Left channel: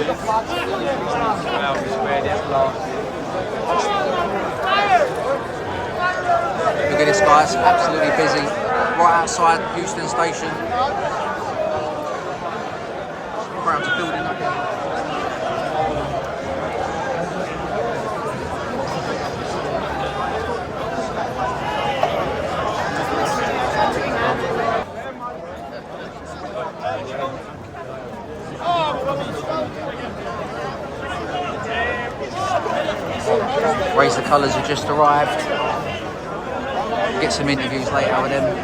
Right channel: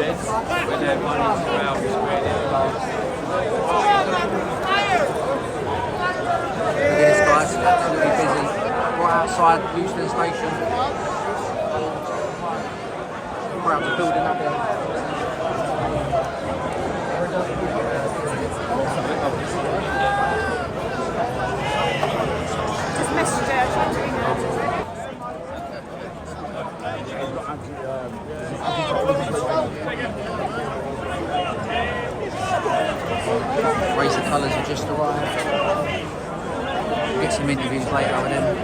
Look at this, guys, absolutely busy. Right outside Houston Station. Crowds are building up there. Race of Colours have just arrived. We'll get some interviews later with them.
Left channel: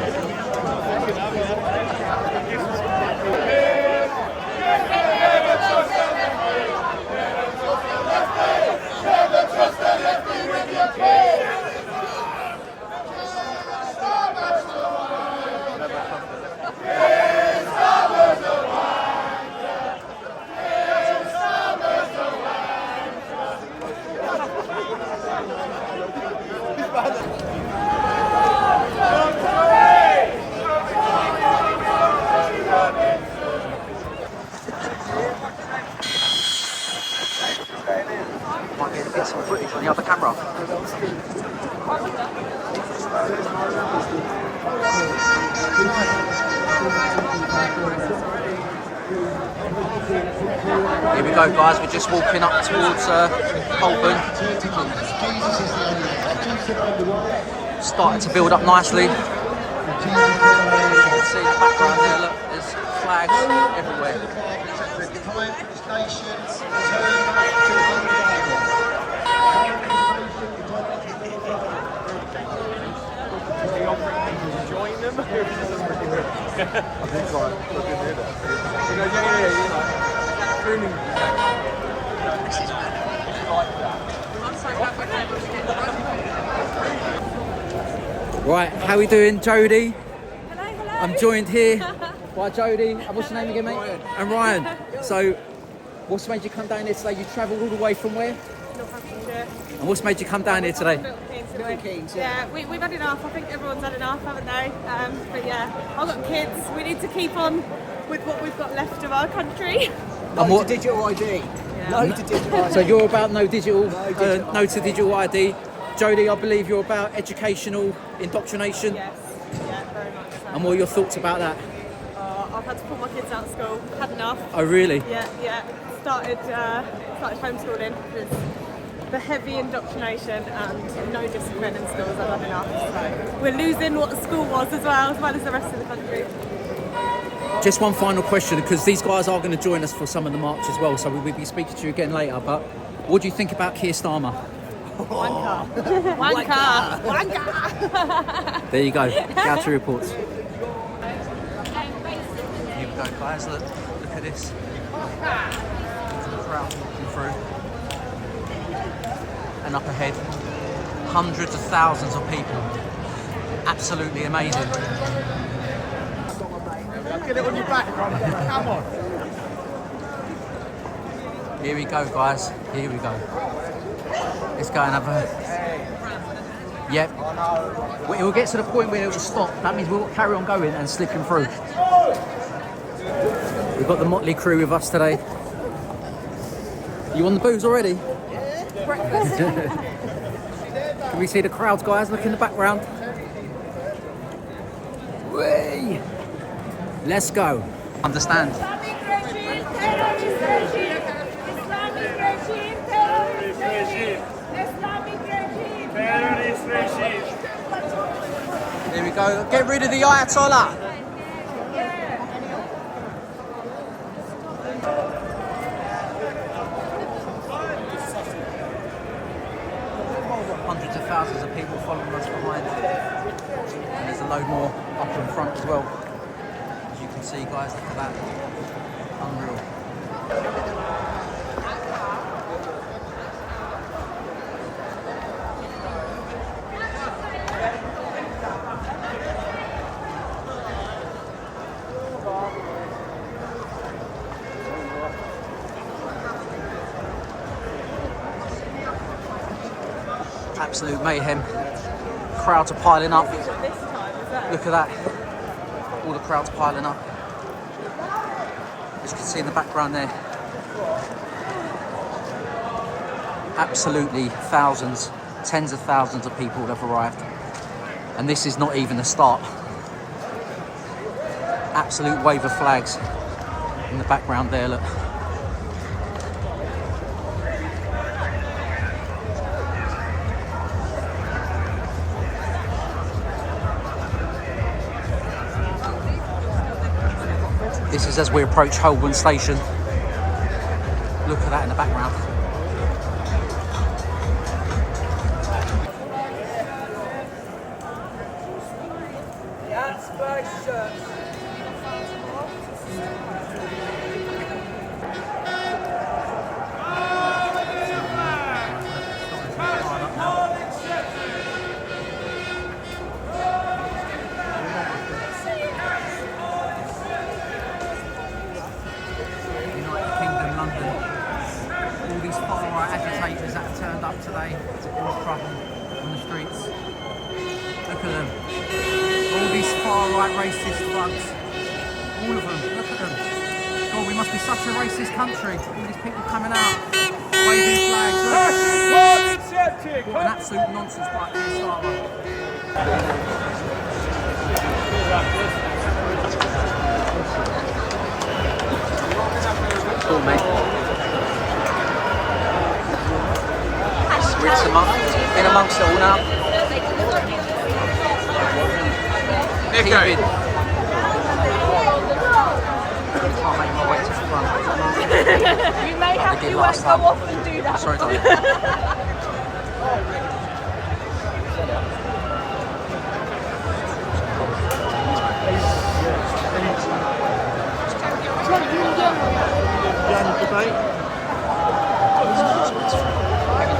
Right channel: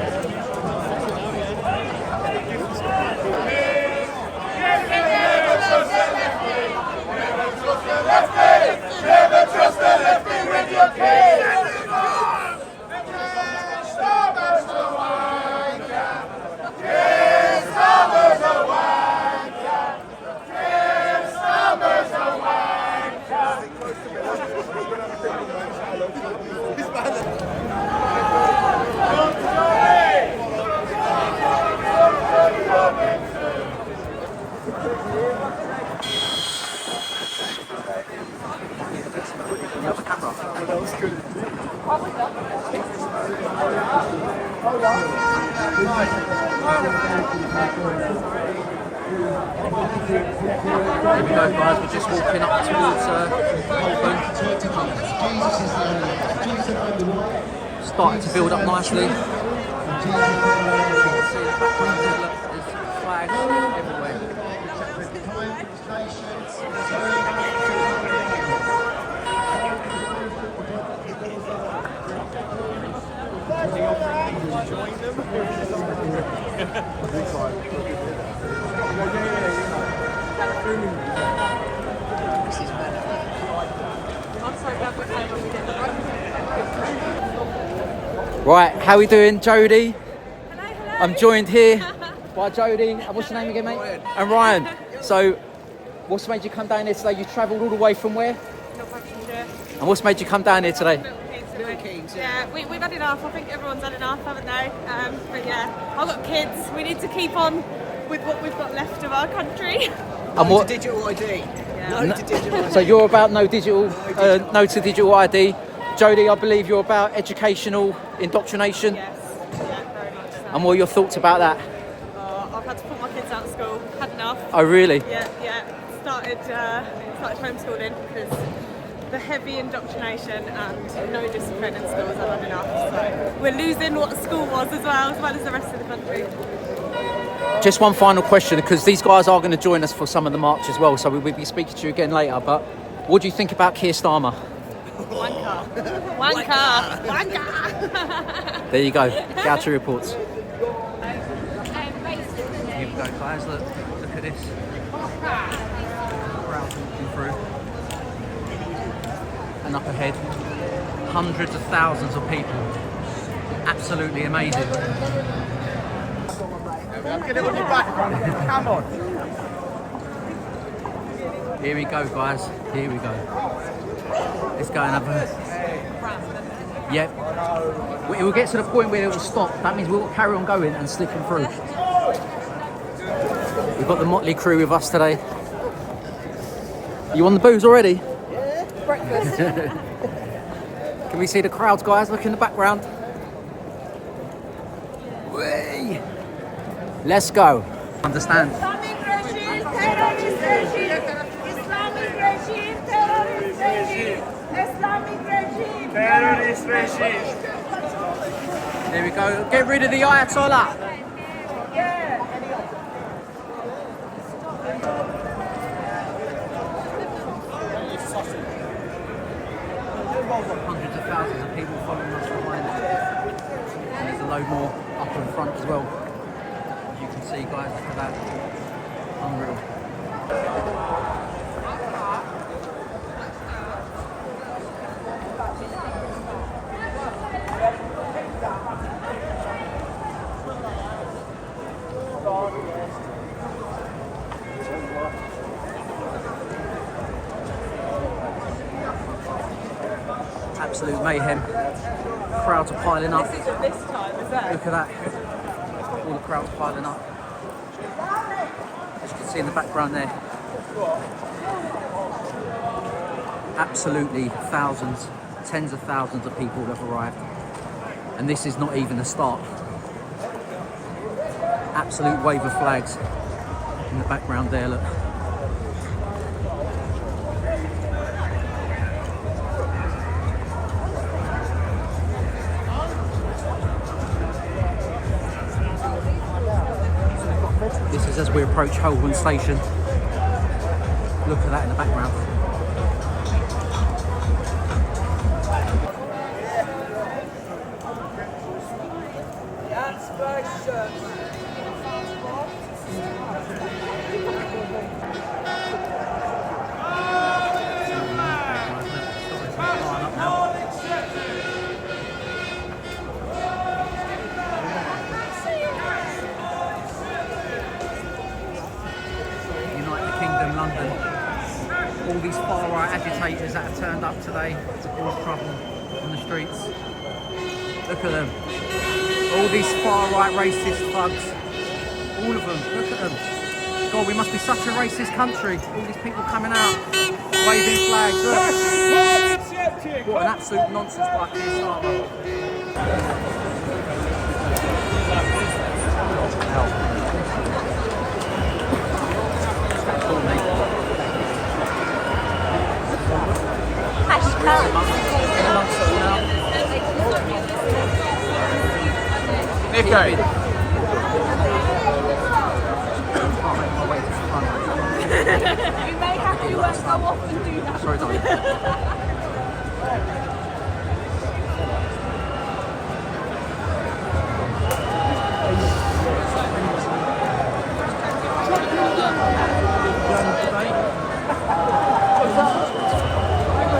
Might be able to get some footage on the other camera. Here we go, guys. We're just walking up towards Holborn. Starting to build up nicely. You can see in the background there, look, there's flags everywhere. Right, how we doing, Jodie? Hello, hello. I'm joined here by Jodie. And what's your name again, mate? Ryan. And Ryan. So, what's made you come down here today? You travelled all the way from where? Northamptonshire. And what's made you come down here today? Little Kings, yeah, we've had enough. I think everyone's had enough, haven't they? But yeah, I've got kids. We need to keep on with what we've got left of our country. And what? Digital ID. Yeah. No to digital ID. So you're about no digital, digital. no to digital ID. Jodie, I believe you're about educational indoctrination. Yes, yeah, very much so. And what are your thoughts about that? I've had to pull my kids out of school. Had enough. Oh, really? Yeah. Started homeschooling because the heavy indoctrination and no discipline in schools, I've had enough. So we're losing what school was as well as the rest of the country. Just one final question, because these guys are going to join us for some of the march as well, so we'll be speaking to you again later. But what do you think about Keir Starmer? Wanker. There you go. Gauci Reports. Here we go, guys. Look at this. Crowd walking through. And up ahead, hundreds of thousands of people. Absolutely amazing. Come on. Here we go, guys. Here we go. Let's go and have a... Yeah. It will get to the point where it will stop. That means we'll carry on going and slipping through. We've got the motley crew with us today. You on the booze already? Can we see the crowds, guys? Look in the background. Whee! Let's go. Understand. Islamic regime, terrorist regime. Islamic regime, terrorist regime. Islamic regime, Terrorist regime. Here we go. Get rid of the Ayatollah. Yeah. Hundreds of thousands of people following us behind. And there's a load more up in front as well. As you can see, guys, look at that. Unreal. Absolute mayhem. Crowds are piling up. Look at that. All the crowds piling up. As you can see in the background there. Absolutely thousands, tens of thousands of people have arrived. And this is not even the start. Absolute wave of flags in the background there, look. This is as we approach Holborn Station. Look at that in the background. All these far-right agitators that have turned up today to cause trouble on the streets. Look at them. All these far-right racist thugs. All of them. Look at them. God, we must be such a racist country. All these people coming out, waving flags. Look. What an absolute nonsense bike to start with. Cool, mate. We're in amongst it all now. Okay. Can't make my way to the front. Like we did last time. Sorry, darling.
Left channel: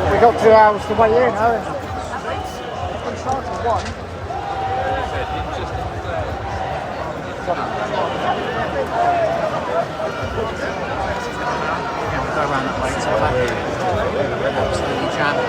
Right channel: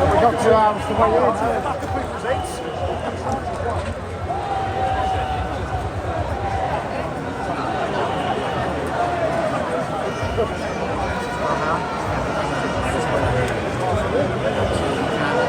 We've got 2 hours to wait in, haven't we? Absolutely jammed.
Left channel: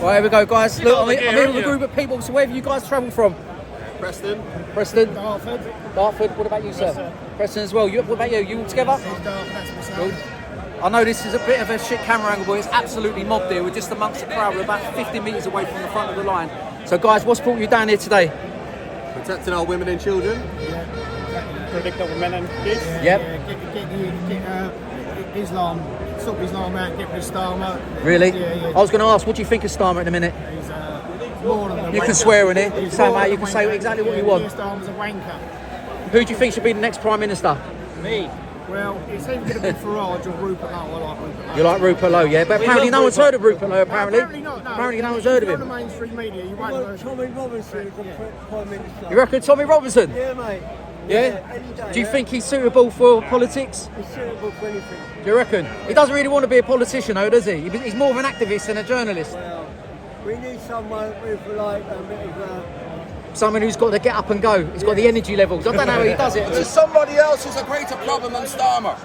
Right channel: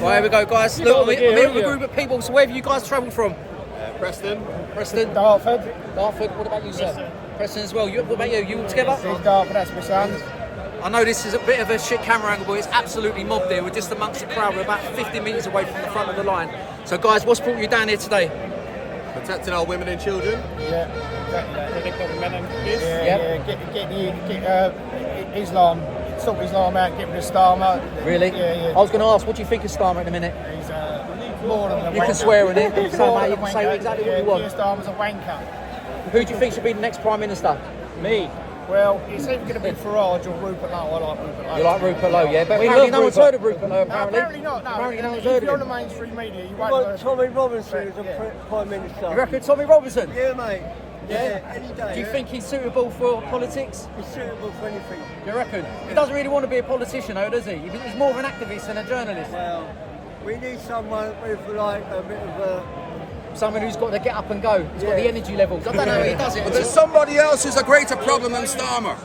Right, here we go, guys. Look, I'm here with a group of people. So where have you guys travelled from? Preston. Preston. Dartford. Dartford. What about you, sir? Preston as well. What about you? You all together? Dartford, that's myself. I know this is a bit of a shit camera angle, but it's absolutely mobbed here. We're just amongst the crowd. We're about 50 metres away from the front of the line. So, guys, what's brought you down here today? Protecting our women and children. Yeah, exactly that. Protecting men and kids. Get Islam, stop Islam out, get rid of Starmer. Really? Yeah. I was going to ask, what do you think of Starmer in a minute? He's more than a wanker. You can swear in it. He's Say more that, than a you can say wanker. exactly what you want. Keir Starmer's a wanker. Who do you think should be the next Prime Minister? Me. Well, it's either going to be Farage or Rupert Lowe. I like Rupert Lowe. You like Rupert Lowe, yeah? But apparently no one's heard of Rupert Lowe, No, apparently. apparently not. No, Apparently no one's if heard you're of on the him. mainstream media, you won't have Tommy heard. Robinson is Yeah. a Prime Minister. You reckon Tommy Robinson? Yeah, mate. Yeah? Any day. Do you think he's suitable for politics? he's suitable for anything? Do you reckon? He doesn't really want to be a politician though, does he? He's more of an activist than a journalist. Well, we need someone with like a bit of a. Someone who's got to get up and go. He's got the energy levels. I don't know how he does it. There's somebody else who's a greater problem than Starmer.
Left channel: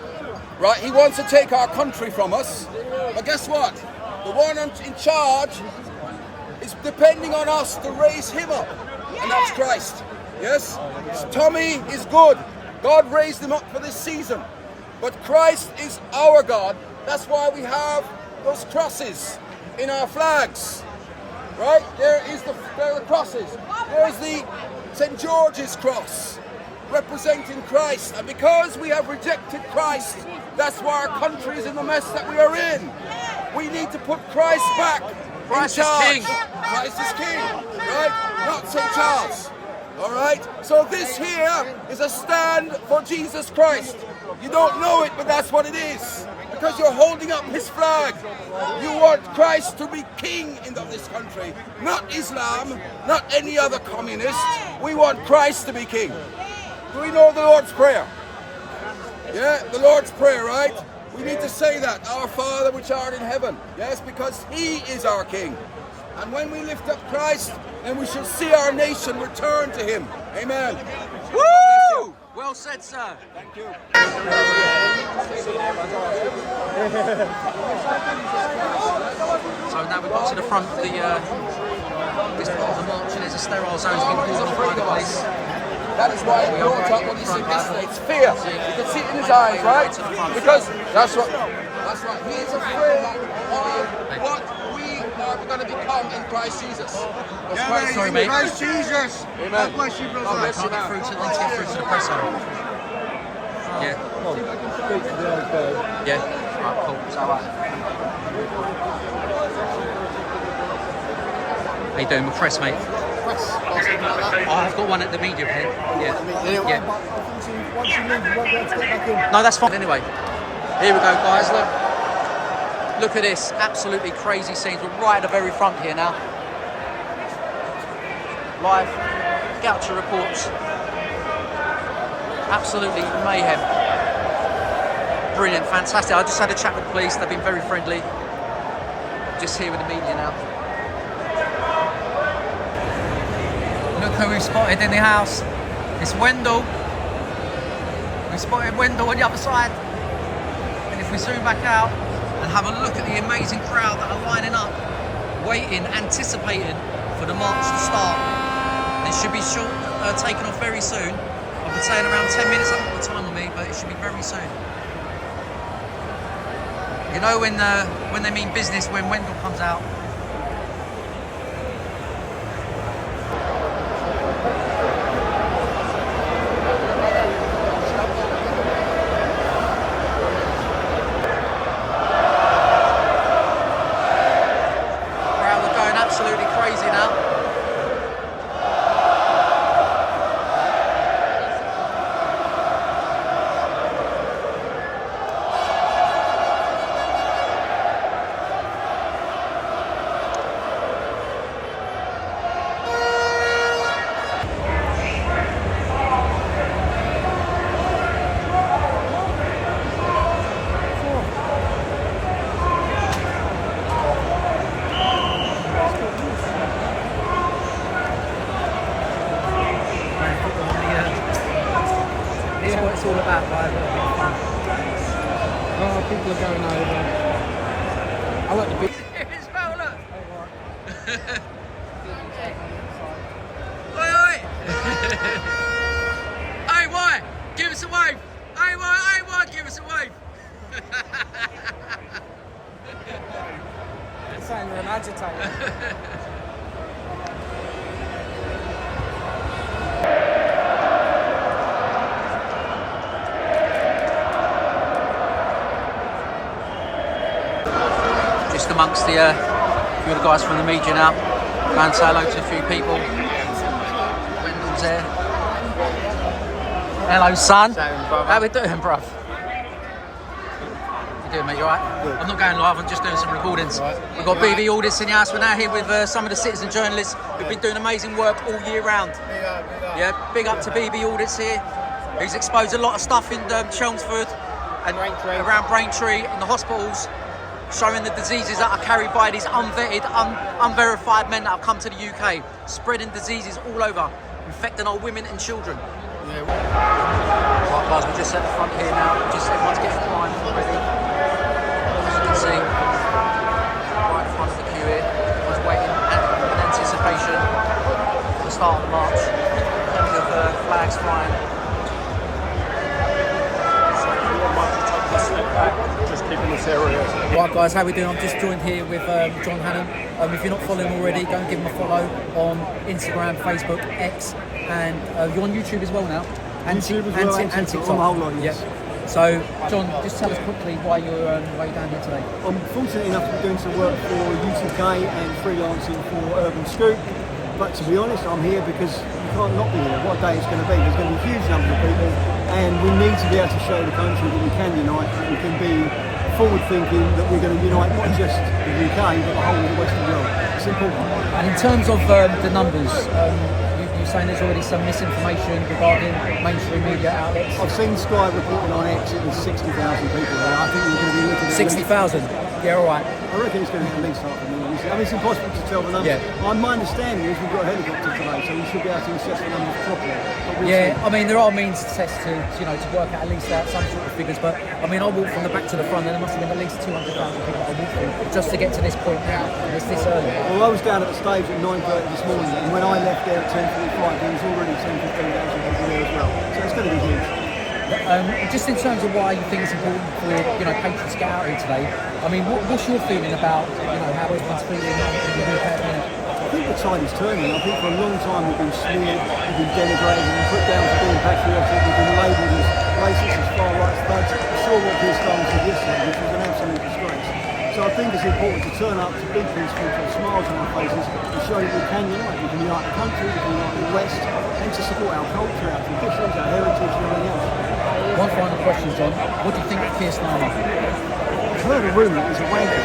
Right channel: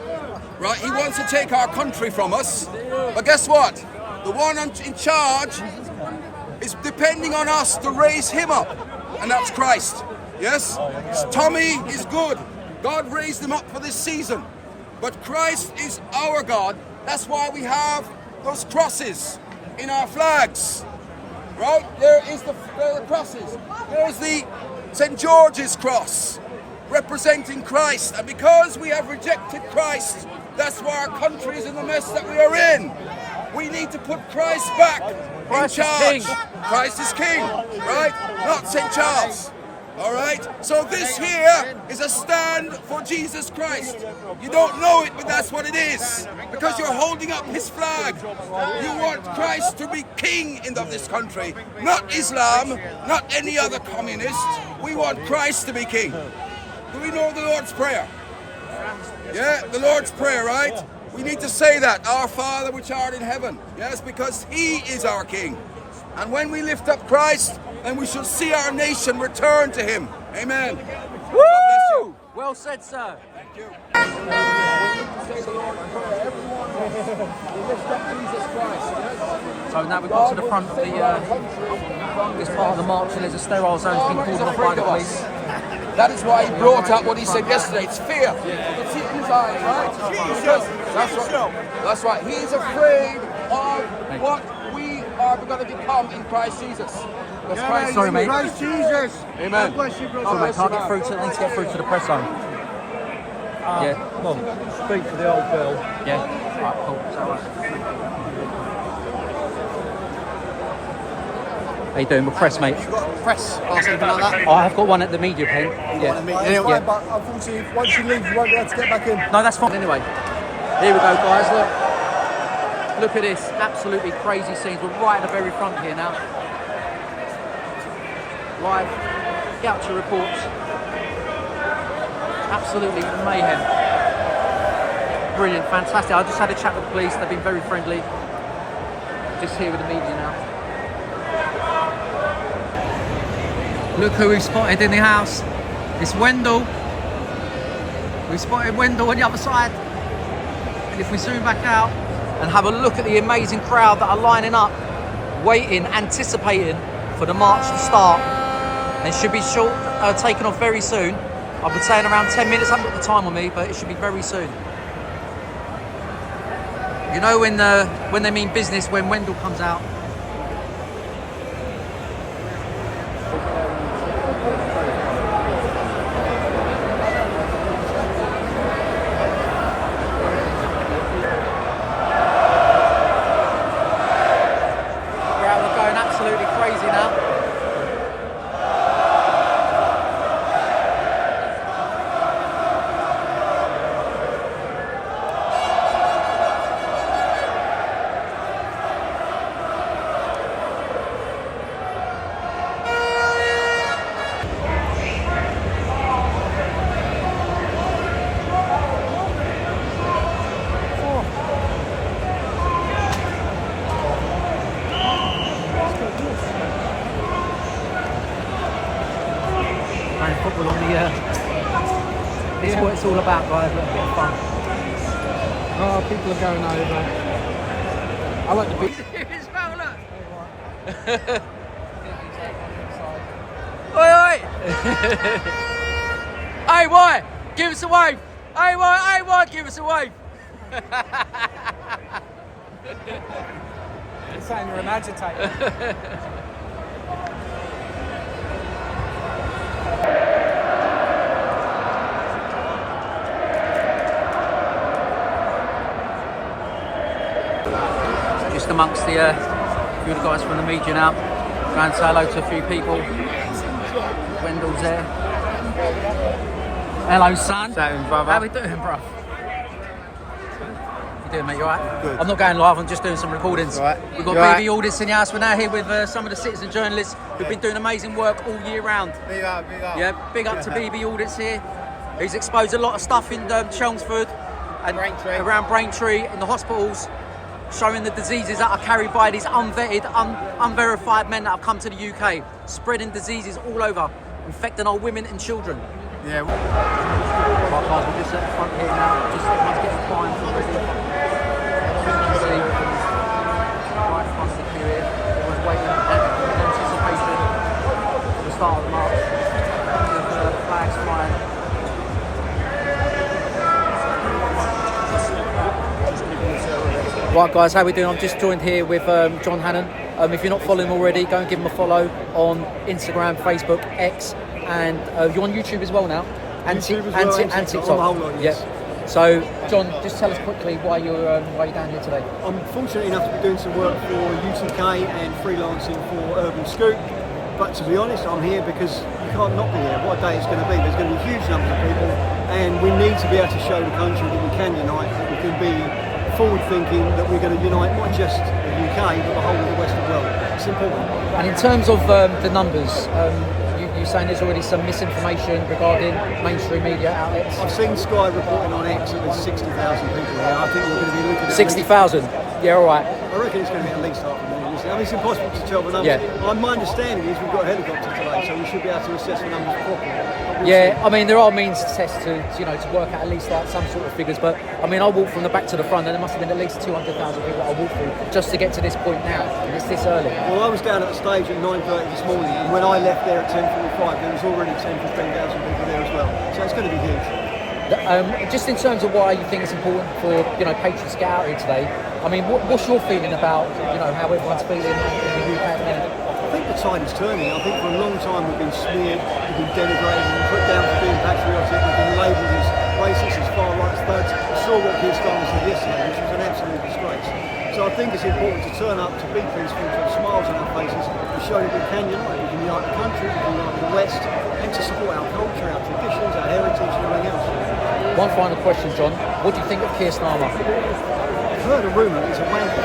Right? He wants to take our country from us. But guess what? The one in charge is depending on us to raise him up. And that's Christ. Yes? Tommy is good. God raised him up for this season. But Christ is our God. That's why we have those crosses in our flags. Right? There are the crosses. There's the St. George's cross representing Christ. And because we have rejected Christ, that's why our country is in the mess that we are in. We need to put Christ back. Christ in is charge. king. Christ is king, right? Not St. Charles. All right? So this here is a stand for Jesus Christ. You don't know it, but that's what it is. Because you're holding up his flag. You want Christ to be king in this country, not Islam, not any other communist. We want Christ to be king. Do we know the Lord's Prayer? Yeah, the Lord's Prayer, right? We need to say that, our Father which art in heaven. Yes, because he is our king. And when we lift up Christ, then we shall see our nation return to him. Amen. Woo! Well said, sir. Thank you. So now we've got to the front of the this part of the march, and there's a sterile zone that's been cordoned off by the police. That is why We he are brought right out here what at he the said front, yesterday. It's fear. You can see it in his eyes, right? To the front. Because that's right. He is afraid of what we are going to become in Christ Jesus. Sorry, mate. Christ Jesus. God bless you, brother. Sorry, mate, can't get through to, I need to get through to the press zone. Yeah. Yeah. Alright, cool. So, how you doing with press, mate? Press. I have got one at the media pen. Yeah. But unfortunately, once you leave, you won't be able to get back in. No, that's fine. Anyway, here we go, guys. Look at this. Absolutely crazy scenes. We're right at the very front here now. Live. Gauci Reports. Absolutely mayhem. Brilliant, fantastic. I just had a chat with the police. They've been very friendly. Just here with the media now. Look who we've spotted in the house. It's Wendell. We spotted Wendell on the other side. And if we zoom back out and have a look at the amazing crowd that are lining up, waiting, anticipating for the march to start. It should be taken off very soon. I've been saying around 10 minutes. I haven't got the time on me, but it should be very soon. You know when they mean business, when Wendell comes out. Crowd are going absolutely crazy now. Here's what it's all about, guys. Oh, people are going over. I like the big. It's well, look. Oi, oi! Hey, boy, give us a wave. Hey, boy, give us a wave. It's saying you're an agitator. Just amongst the few of the guys from the media now. Going to say hello to a few people. Wendell's there. Hello, son. How we doing, bruv? doing, mate? You alright? I'm not going live, I'm just doing some recordings. Right. We've got You BB alright? Audits in the house. We're now here with some of the citizen journalists who've been doing amazing work all year round. Big up, big up. Yeah, big up to BB Audits here. He's exposed a lot of stuff in Chelmsford and Braintree. around Braintree in the hospitals, showing the diseases that are carried by these unvetted, unverified men that have come to the UK, spreading diseases all over, infecting our women and children. Yeah. Right guys, we're just at the front here now, just everyone's getting primed already. As you can see, right in front of the queue here, everyone's waiting in anticipation for the start of the march. Plenty of flags flying. Right guys, how we doing? I'm just joined here with John Hannon. If you're not following already, go and give him a follow on Instagram, Facebook, X, and you're on YouTube as well now. And YouTube as well, and TikTok, on the whole lot, yes. Yeah. So, John, just tell us quickly why you're down here today. I'm fortunate enough to be doing some work for UTK and freelancing for Urban Scoop. But to be honest, I'm here because you can't not be here. What a day it's going to be. There's going to be huge numbers of people, and we need to be able to show the country that we can unite, that we can be forward-thinking, that we're going to unite not just the UK, but the whole of the Western world. It's important. And in terms of the numbers, you're saying there's already some misinformation regarding mainstream media outlets. I've seen Sky reporting on X that there's 60,000 people here. I think we're going to be looking at 60,000? Yeah, all right. I reckon it's going to be at least 500,000. I mean, it's impossible to tell the numbers. Yeah. My understanding is we've got a helicopter today, so we should be able to assess the numbers properly. But we'll Yeah, see. I mean, there are means to test to work out at least like some sort of figures, but I mean, I walked from the back to the front and there must have been at least 200,000 people that I walked through just to get to this point now. It's this early. Well, I was down at the stage at 9:30 this morning, and when I left there at 10:45, there was already 10,000 to 15,000 people there as well. So it's going to be huge. Just in terms of why you think it's important for patriots to get out here today, I mean, what's your feeling about how everyone's feeling in the UK at the minute? I think the tide is turning. I think for a long time we've been smeared, we've been denigrated, we've been put down for being patriotic, we've been labelled as racist, as far right, as thugs. I saw what Keir Starmer said yesterday, which was an absolute disgrace. So I think it's important to turn up, to be peaceful, to have smiles on our faces, and show that we can unite. We can unite the country, we can unite the West, and to support our culture, our traditions, our heritage, and everything else. One final question, John. What do you think of Keir Starmer? I've heard a rumour that he's a wanker.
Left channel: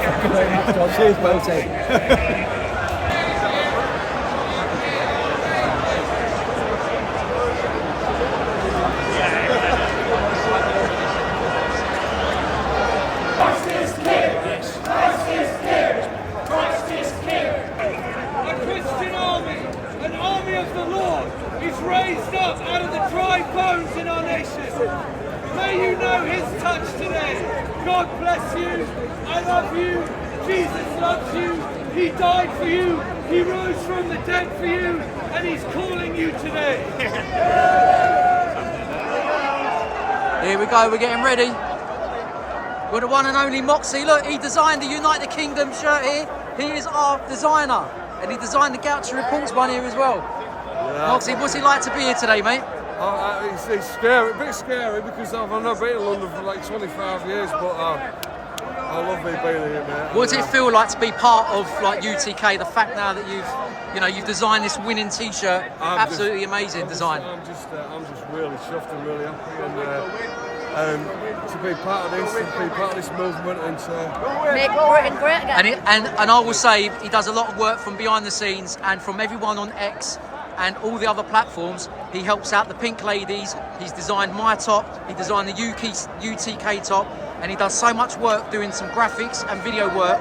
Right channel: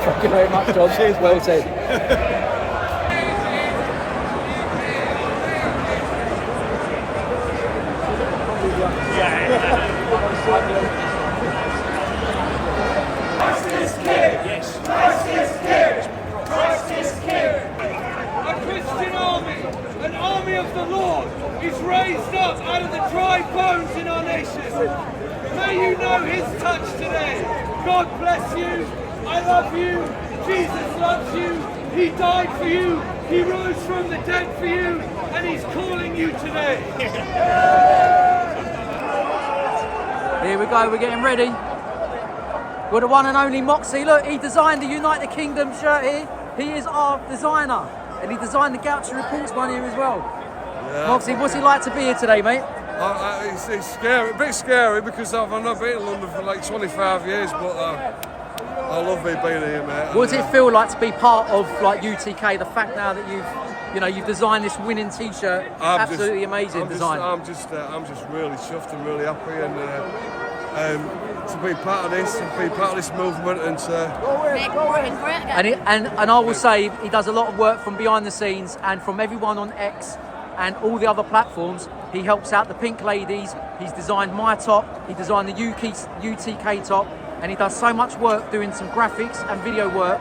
Thank you very much, John. Cheers, well mate. said. A Christian army, an army of the Lord, is raised up out of the dry bones in our nation. May you know his touch today. God bless you. I love you. Jesus loves you. He died for you. He rose from the dead for you. And he's calling you today. Here we go, we're getting ready. We're the one and only Moxie. Look, he designed the Unite the Kingdom shirt here. He is our designer. And he designed the Gauci Reports one here as well. Yeah. Moxie, what's it like to be here today, mate? It's scary, a bit scary because I've not been in London for like 25 years, but I love being here, mate. What does it feel like to be part of like UTK? The fact now that you've designed this winning T-shirt, absolutely amazing design. I'm just really chuffed and really happy, and to be part of this, and be part of this movement, and Make Britain great again. And I will say he does a lot of work from behind the scenes and from everyone on X and all the other platforms. He helps out the Pink Ladies. He's designed my top. He designed the UTK top. And he does so much work doing some graphics and video work.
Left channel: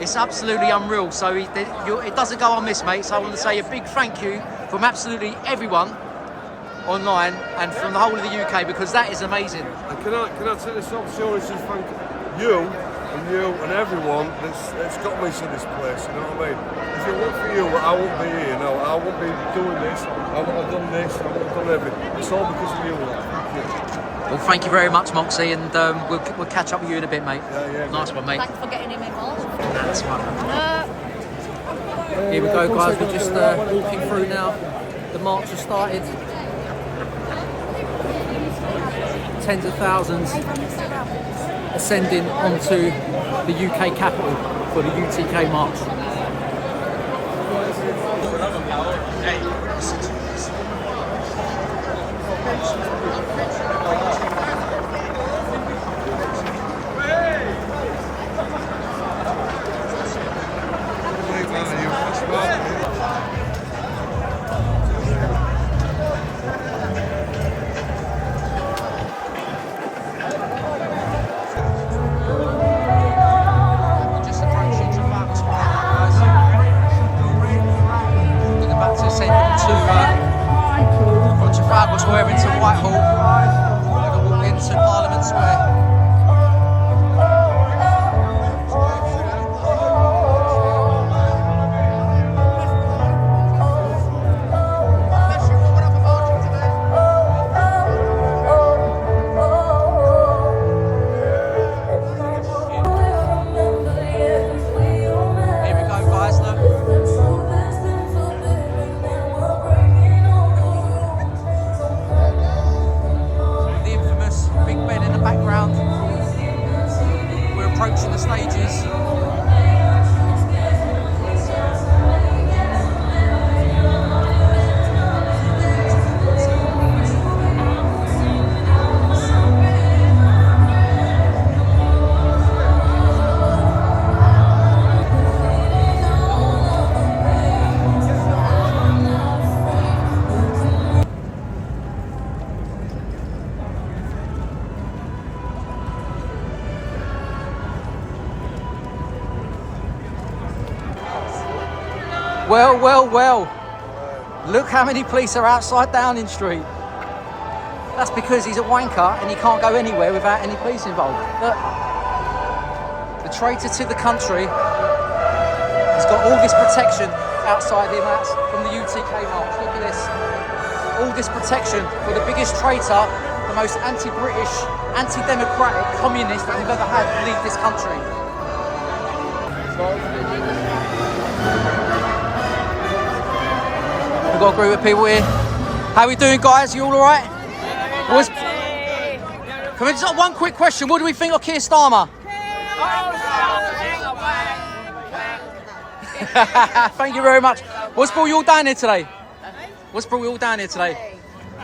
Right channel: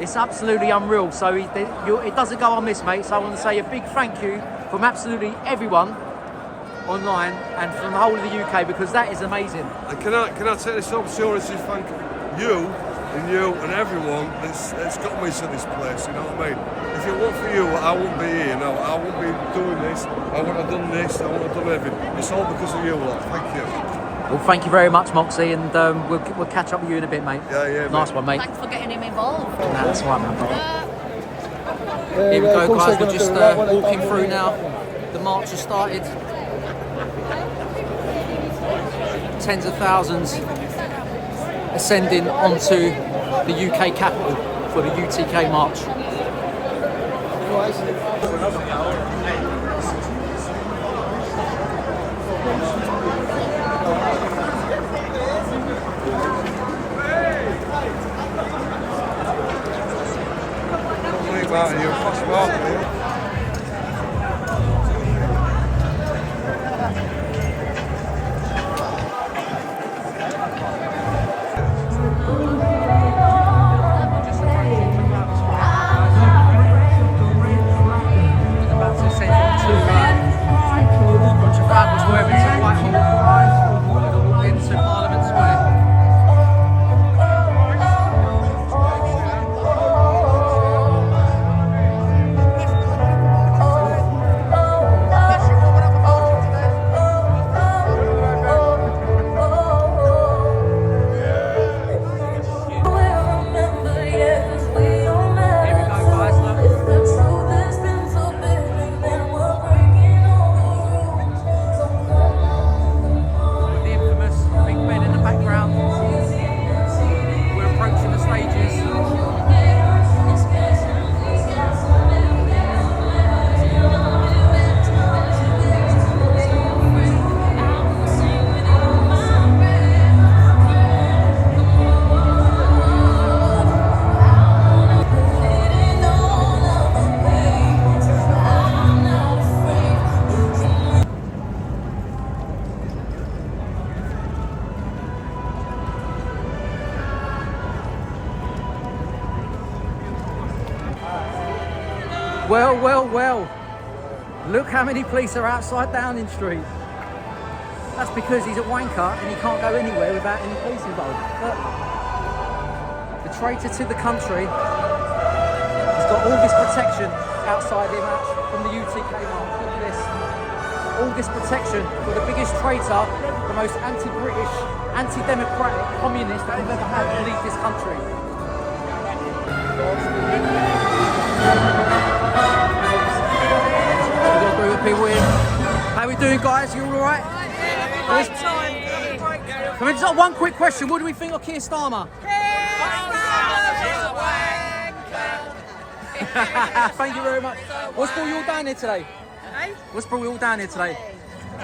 It's absolutely unreal. So it doesn't go unmissed, mate. So I want to say a big thank you from absolutely everyone online and from the whole of the UK, because that is amazing. And can I take this opportunity to thank you and everyone that's got me to this place, you know what I mean? If it weren't for you, I wouldn't be here, no, I wouldn't be doing this, I wouldn't have done this, I wouldn't have done everything. It's all because of you lot. Thank you. Well, thank you very much, Moxie, and we'll catch up with you in a bit, mate. Yeah, Nice mate. one, mate. Thanks for getting him involved. That's one, man. Here we go, guys. We're just walking through now. The march has started. Tens of thousands ascending onto the UK capital for the UTK march. Just approaching Trafalgar Square now, guys. We're about to ascend from Trafalgar Square into Whitehall. We're going to walk into Parliament Square. Well, well, well. Look how many police are outside Downing Street. That's because he's a wanker and he can't go anywhere without any police involved. Look. The traitor to the country has got all this protection outside him from the UTK march. Look at this. All this protection for the biggest traitor, the most anti-British, anti-democratic communist that we've ever had leave this country. We've got a group of people here. How are we doing, guys? You all alright? Can we just have one quick question? What do we think of Keir Starmer? Thank you very much. What's brought you all down here today? What's brought you all down here today?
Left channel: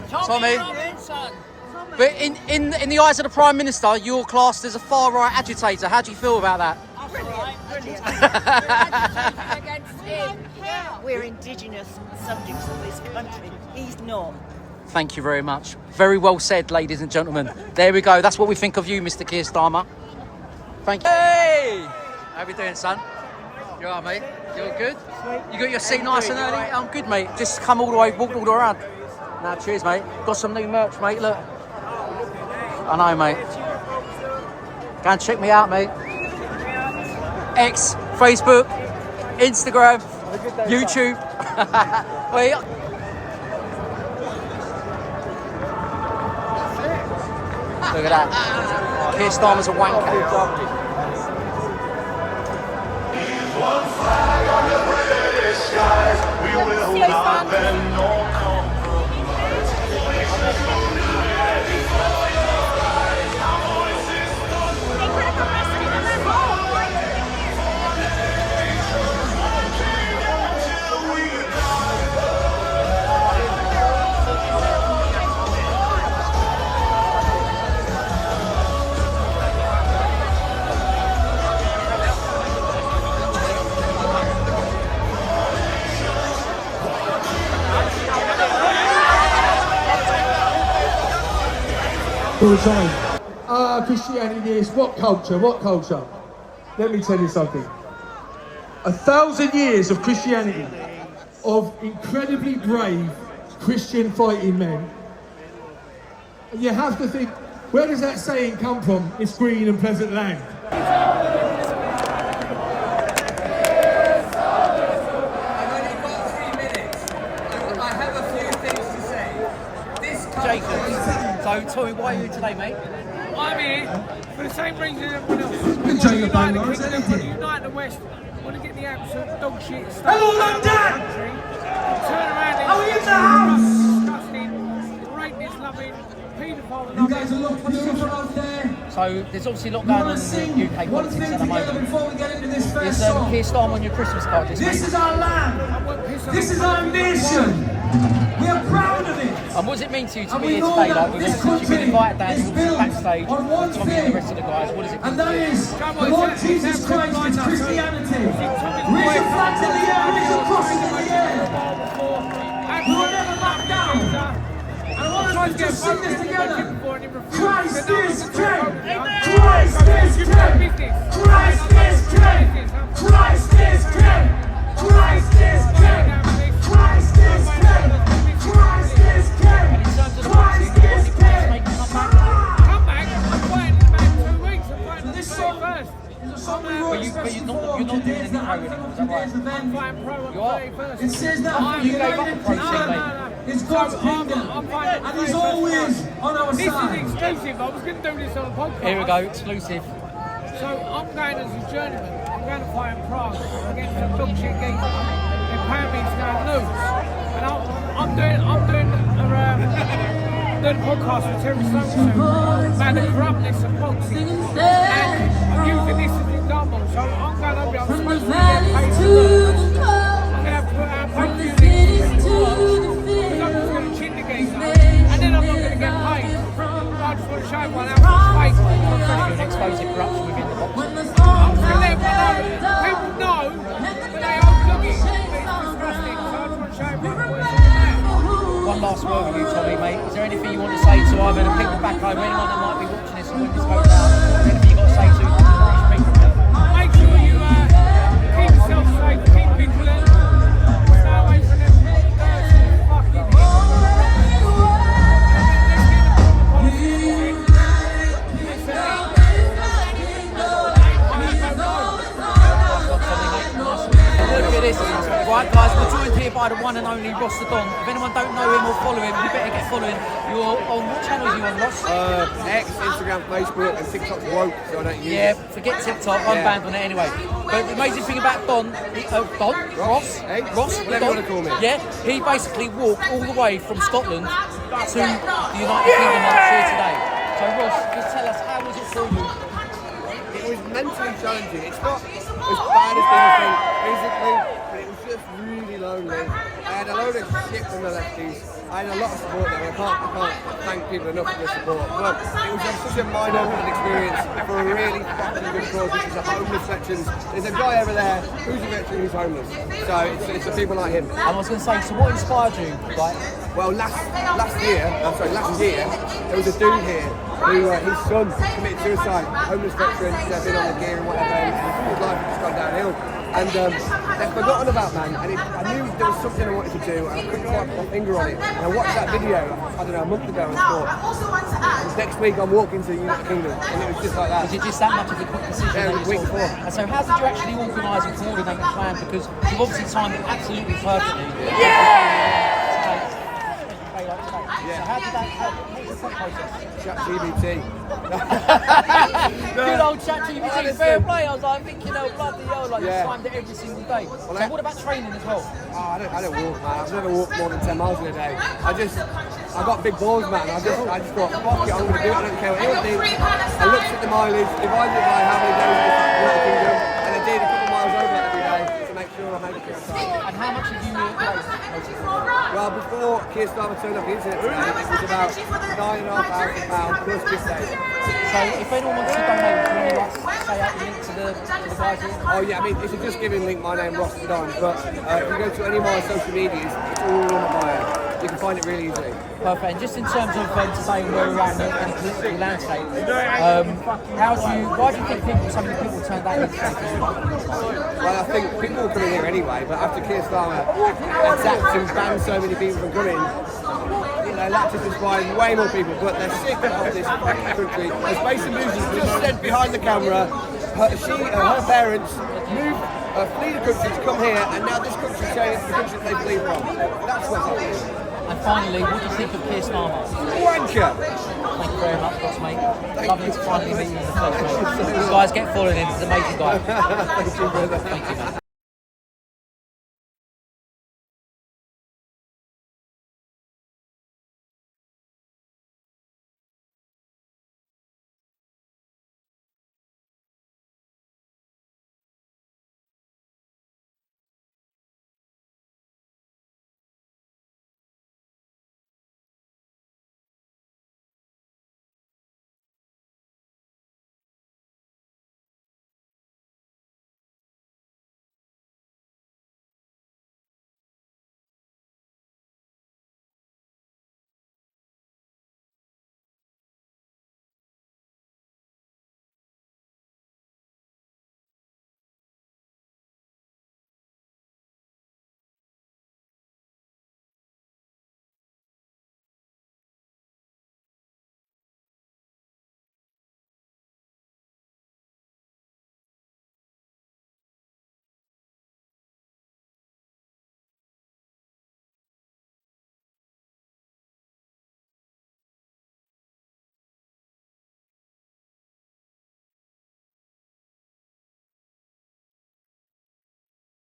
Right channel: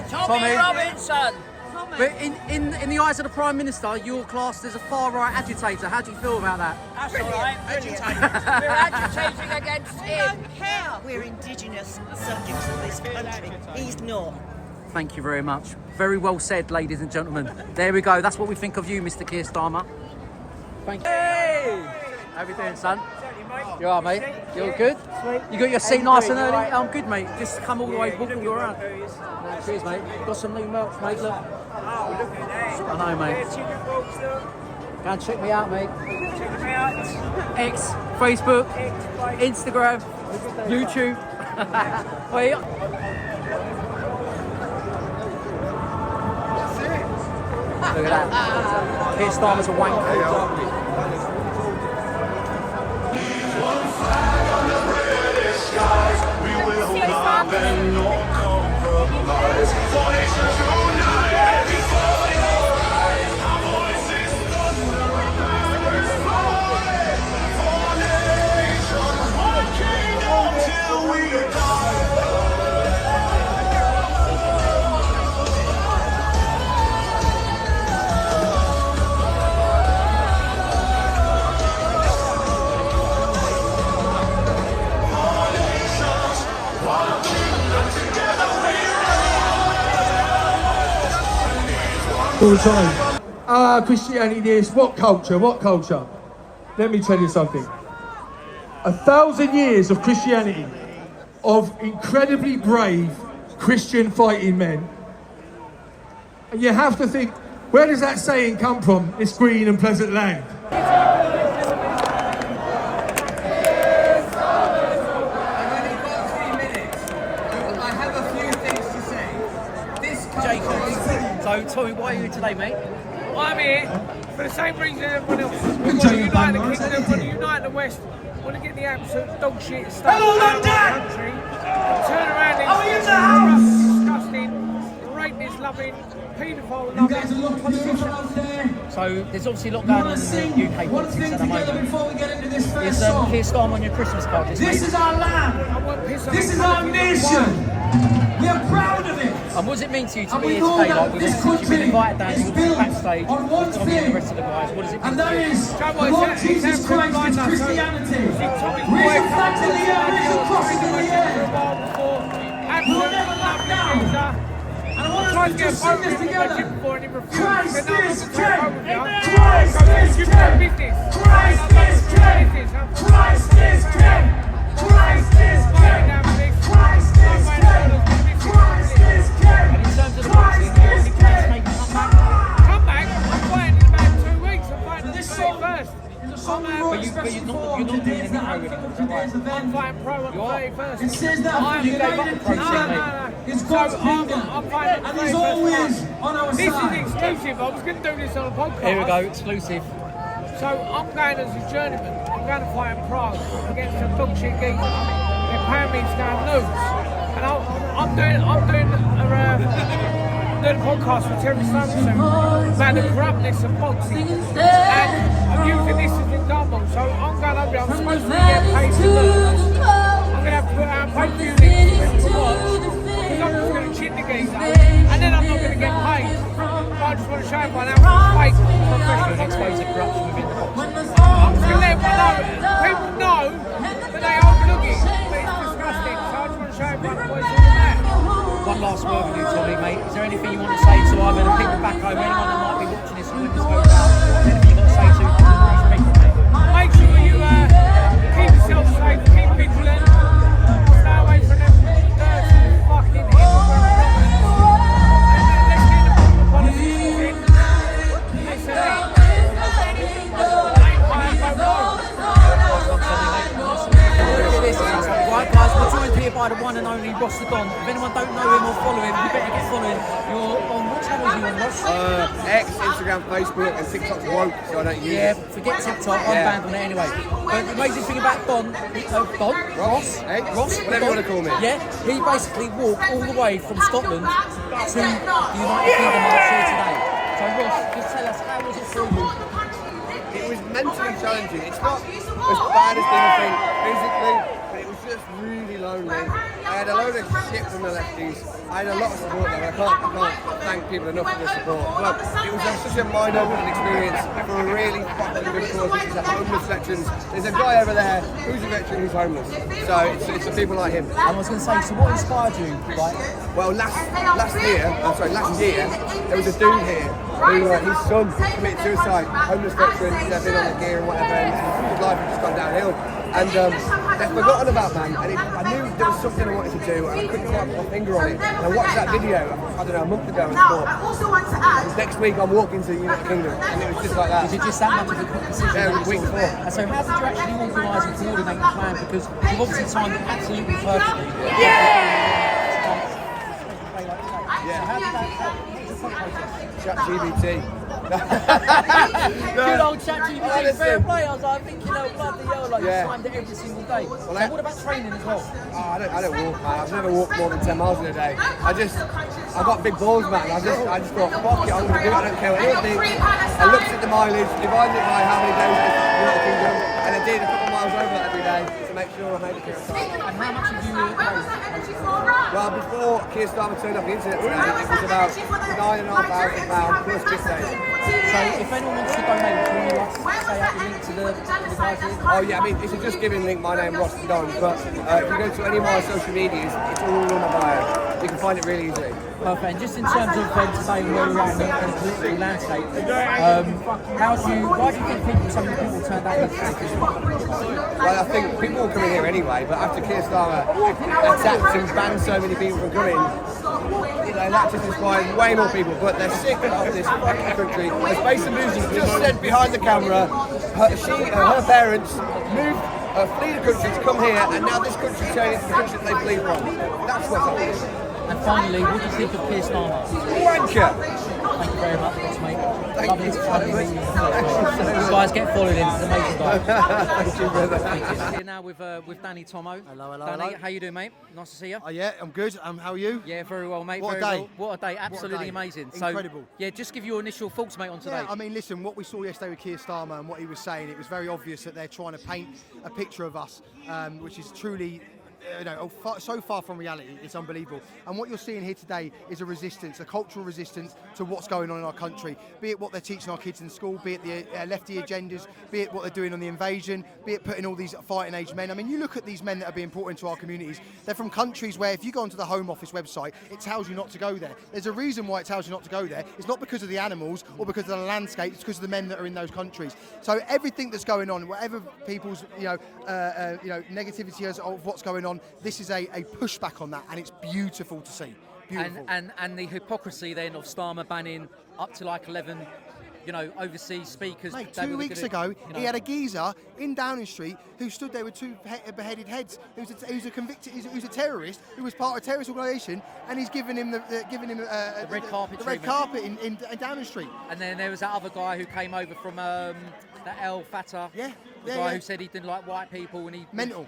Tommy Robinson. But in the eyes of the Prime Minister, you're classed as a far-right agitator. How do you feel about that? Brilliant, brilliant. We're agitating against him. We're indigenous subjects of this country. He's not. Thank you very much. Very well said, ladies and gentlemen. There we go. That's what we think of you, Mr. Keir Starmer. Thank you. Hey! How we doing, son? You all right, mate? You all good? You got your seat nice and early? I'm good, mate. Just come all the way, walk all the way around. Nah, cheers, mate. Got some new merch, mate. Look. Oh, look at that. I know, mate. Go and check me out, mate. X, Facebook, Instagram, YouTube. Wait. Look at that. Keir Starmer's a wanker. We will love and not compromise. For nations united before your eyes. Our voices for nations, one kingdom till we die. All the time. Christianity this, what culture, what culture? Let me tell you something. 1,000 years of Christianity, of incredibly brave Christian fighting men. And you have to think, where does that saying come from, this green and pleasant land? So, Tommy, why are you here today, mate? I'm here for the same reason everyone else. We want to unite the kingdom, want to unite the West, want to get the absolute dog shit stuff out of our country, and turn around these corrupt, disgusting, rapist-loving, paedophile-loving politicians. So, there's obviously a lot going on in the UK politics at the moment. Is Keir Starmer on your Christmas card list, mate? I won't piss on that And what does it mean to you to be here today? Like, you've been invited down, you've been backstage with Tommy and the rest of the guys. What does it mean to you? It's absolutely blind no. So, see, Tommy's boy come and talk to my deal. I was trained in my gym for a while before. Absolutely lovely geezer. I tried to get a photo with him at my gym before and he refused. He said, no, I'm not going to take a photo with you. Go to the gym for business. I mean, I've done it for business. I'm fair enough. Boxing, fighting down for this. No way in the world I was going to miss it. And in terms of the boxing, have you got any plans to make a comeback? Come back? I'm fighting in about 2 weeks. I'm fighting on the 31st. But you're not doing any pro anymore, is that right? I'm fighting pro on the 31st. You gave up the pro thing, mate. So I'm fighting on the 31st March. This is exclusive. I was going to do this on a podcast. Here we go, exclusive. So I'm going as a journeyman. I'm going to fight in Prague against a dog shit geezer. They're paying me to go and lose. And I'm doing a podcast with Terry Stone soon about the corruptness of boxing. And I'm using this as an example. So I'm going over there. I'm supposed to be getting paid to lose. I'm going to have to put out pay-per-view links for people to watch because I'm just going to cheat the geezer. And then I'm not going to get paid. I just want to show everyone how fake professional and expose the corruption within the boxing. I'm just going to let everyone know. People know, but they overlook it. But it's disgusting. So I just want to show everyone what it's all about. One last word with you, Tommy, mate. Is there anything you want to say to either the people back home or anyone that might be watching this when this goes out? Is there anything you've got to say to these people, mate? Make sure you keep yourself safe, keep vigilant, stay away from them dirty fucking immigrant robbers. Let's get the proper politics in. Let's aim high and vote low. Look at this. Right, guys, we're joined here by the one and only Ross the Don. If anyone don't know him or follow him, you better get following. You're on what channel are you on, Ross? X, Instagram, Facebook, and TikTok's woke, so I don't use it. Yeah, forget TikTok. I'm banned on it anyway. But the amazing thing about Ross, hey? Ross, whatever you want to call me. Yeah, he basically walked all the way from Scotland to the United Kingdom March here today. So Ross, just tell us, how was it for you? It was mentally challenging. It's not as bad as people think physically, but it was just really lonely. I had a load of shit from the lefties. I had a lot of support there. I can't thank people enough for the support. But it was such a mind-opening experience for a really fucking good cause. This is a homeless veterans. There's a guy over there who's a veteran who's homeless. So it's the people like him. And I was going to say, so what inspired you, right? Well, last year, there was a dude here who his son committed suicide, homeless veteran, he's been on the gear and whatever, and his life had just gone downhill. And they've forgotten about man, and I knew there was something I wanted to do, and I couldn't quite put my finger on it. And I watched that video, I don't know, a month ago, and thought, next week I'm walking to the United Kingdom, and it was just like that. Was it just that much of a quick decision? Yeah, it was a week before. And so how did you actually organise and coordinate the plan? Because you've obviously timed it absolutely perfectly. Yeah. So how did that, what was the thought process? ChatGPT. Good old ChatGPT, fair play. I was like thinking, oh bloody hell, like you timed it every single day. So what about training as well? Oh, I don't walk, man. I've never walked more than 10 miles in a day. I got big balls, man. I just thought, fuck it, I'm going to do it. I don't care what anyone thinks. I looked at the mileage, divided it by how many days it is in the United Kingdom, and I did a couple miles over that every day to make sure I made it clear on time. And how much have you raised? Well, before Keir Starmer turned off the internet today, it was about £9,500 plus gift days. So if anyone wants to donate, do you want to say out the link to the guys here? Oh yeah, I mean, it's a Just Giving link, my name Ross the Don, but if you go to any of my social medias, it's all in my bio. You can find it really easily. Perfect. And just in terms of today and where we're at in the political landscape, why do you think so many people turned out here? Well, I think people will come in here anyway, but after Keir Starmer attacked and banned so many people from coming, that just inspired way more people. But they're sick of this fucking country. As Mason Moosey just said behind the camera, her parents moved, flee the country to come here, and now this country's turning into the country that they flee from. That's what's happening. And finally, what do you think of Keir Starmer? Wanker! Thank you very much, Ross, mate. Lovely to finally meet you in the flesh, mate. These guys get followed in. He's an amazing guy. Thank you, brother. Thank you. We're now with Danny Tomo. Hello. Danny, how you doing, mate? Nice to see you. Yeah, I'm good. How are you? Yeah, very well, mate. What very a day. Well. What a day. Absolutely amazing. Incredible. So, yeah, just give your initial thoughts, mate, on today. Yeah, I mean, listen, what we saw yesterday with Keir Starmer and what he was saying, it was very obvious that they're trying to paint a picture of us, which is truly so far from reality. It's unbelievable. And what you're seeing here today is a resistance, a cultural resistance to what's going on in our country. Be it what they're teaching our kids in school, be it the lefty agendas, be it what they're doing on the invasion, be it putting all these fighting age men. I mean, you look at these men that are being brought into our communities. They're from countries where if you go onto the Home Office website, it tells you not to go there. There's a reason why it tells you not to go there. It's not because of the animals or because of the landscape. It's because of the men that are in those countries. So everything that's going on, whatever people's negativity is of what's going on, this is a pushback on that, and it's beautiful to see. Beautiful. And the hypocrisy then of Starmer banning up to like 11, overseas speakers. Mate, 2 weeks ago, he had a geezer in Downing Street who stood there with two beheaded heads. Who's a terrorist who was part of a terrorist organisation, and he's giving him the red carpet. The red carpet in Downing Street. And then there was that other guy who came over from that El Fatah. The guy who said he didn't like white people, and he mental.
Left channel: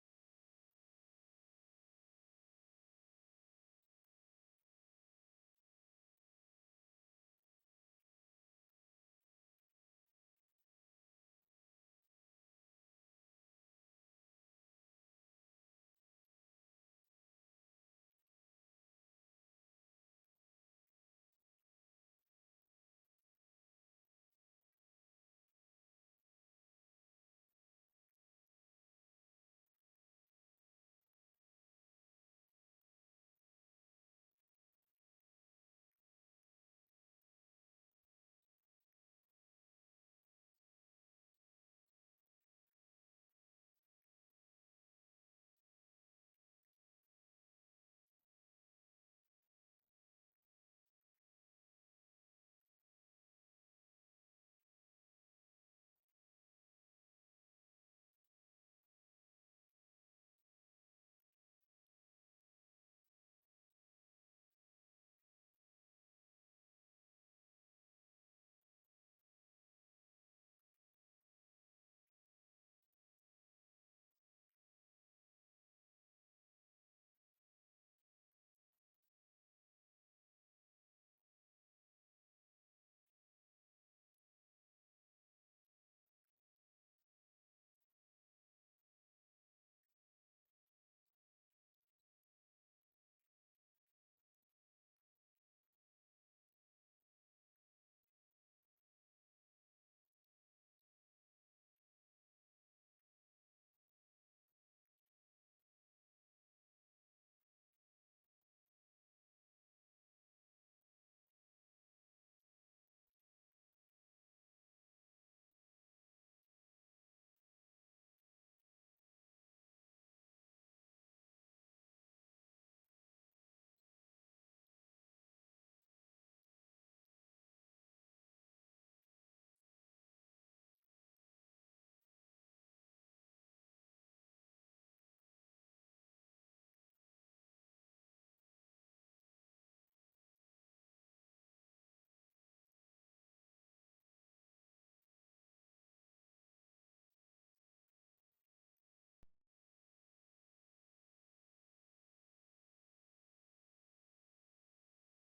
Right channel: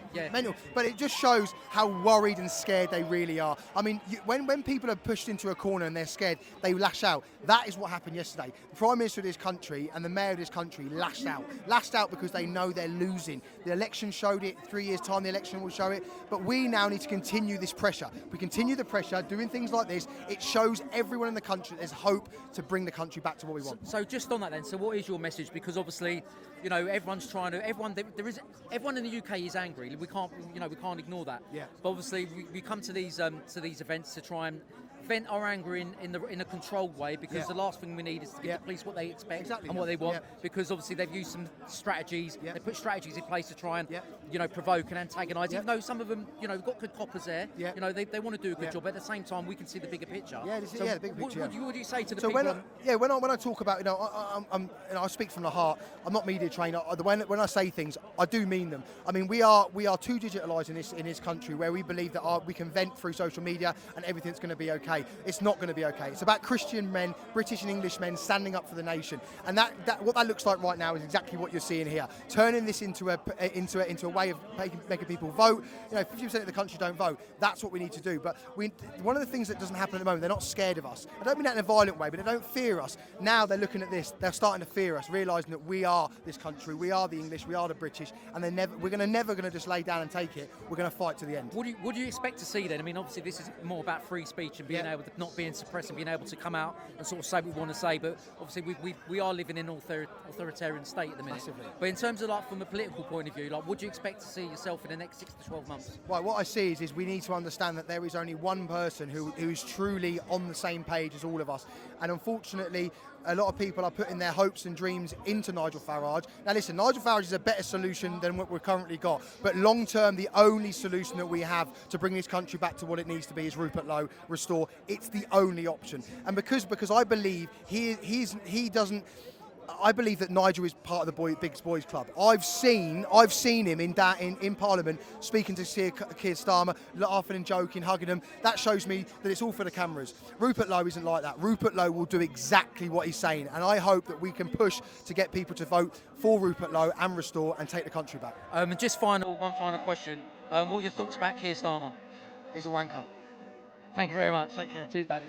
But it just shows how worried and scared they really are. I mean, when people are pushed into a corner and they're scared, they lash out. That is what happened yesterday. The Prime Minister of this country and the Mayor of this country lashed out because they know they're losing. The election showed it. 3 years' time, the election will show it. But we now need to continue this pressure. We continue the pressure, doing things like this. It shows everyone in the country there's hope to bring the country back to what we want. So just on that then, so what is your message? Because obviously, everyone's trying to. Everyone in the UK is angry. We can't ignore that. Yeah. But obviously, we come to these events to try and vent our anger in a controlled way, because the last thing we need is to give the police what they expect and what they want. Because obviously they've used some strategies. They put strategies in place to try and provoke and antagonise. Even though some of them we've got good coppers there. They want to do a good job. But at the same time, we can see the bigger picture. The big picture. What do you say to the people? When I talk about I speak from the heart. I'm not media trained. When I say things, I do mean them. I mean, we are too digitalised in this country, where we believe that we can vent through social media and everything's going to be okay. It's not going to be okay. It's about Christian men, British and English men, standing up for the nation, and that what that looks like right now is exactly what you're seeing here. Turning this into a way of making people vote. 50% of the country don't vote. That's what we need to do. But one of the things that doesn't happen at the moment, they're not scared of us. I don't mean that in a violent way, but they don't fear us. Now they're looking at this. They're starting to fear us, realising that we are this country. We are the English. We are the British, and we're never going to just lay down and take it. We're going to fight to the end. What do you expect to see then? I mean, obviously this is more about free speech and being able to not being suppressed and being able to come out and sort of say what we want to say. But obviously we are living in an authoritarian state at the minute. Massively. But in terms of from a political point of view, what do you expect to see yourself in the next 6 to 12 months? Right, what I see is we need to understand that there is only one person who is truly on the same page as all of us. And unfortunately, a lot of people are putting their hopes and dreams into Nigel Farage. Now listen, Nigel Farage is a better solution than what we've currently got. But long term, the only solution that we have to bring this country back to what it needs to be is Rupert Lowe, restore. It's the only option. And because I believe he doesn't. I believe that Nigel is part of the Big Boys Club. I've seen him in Parliament speaking to Keir Starmer, laughing and joking, hugging him. That shows me that it's all for the cameras. Rupert Lowe isn't like that. Rupert Lowe will do exactly what he's saying, and I hope that we can push to get people to vote for Rupert Lowe and restore and take the country back. And just one final question. What are your thoughts about Keir Starmer? He's a wanker. Thank you very much. Take care. Cheers, buddy.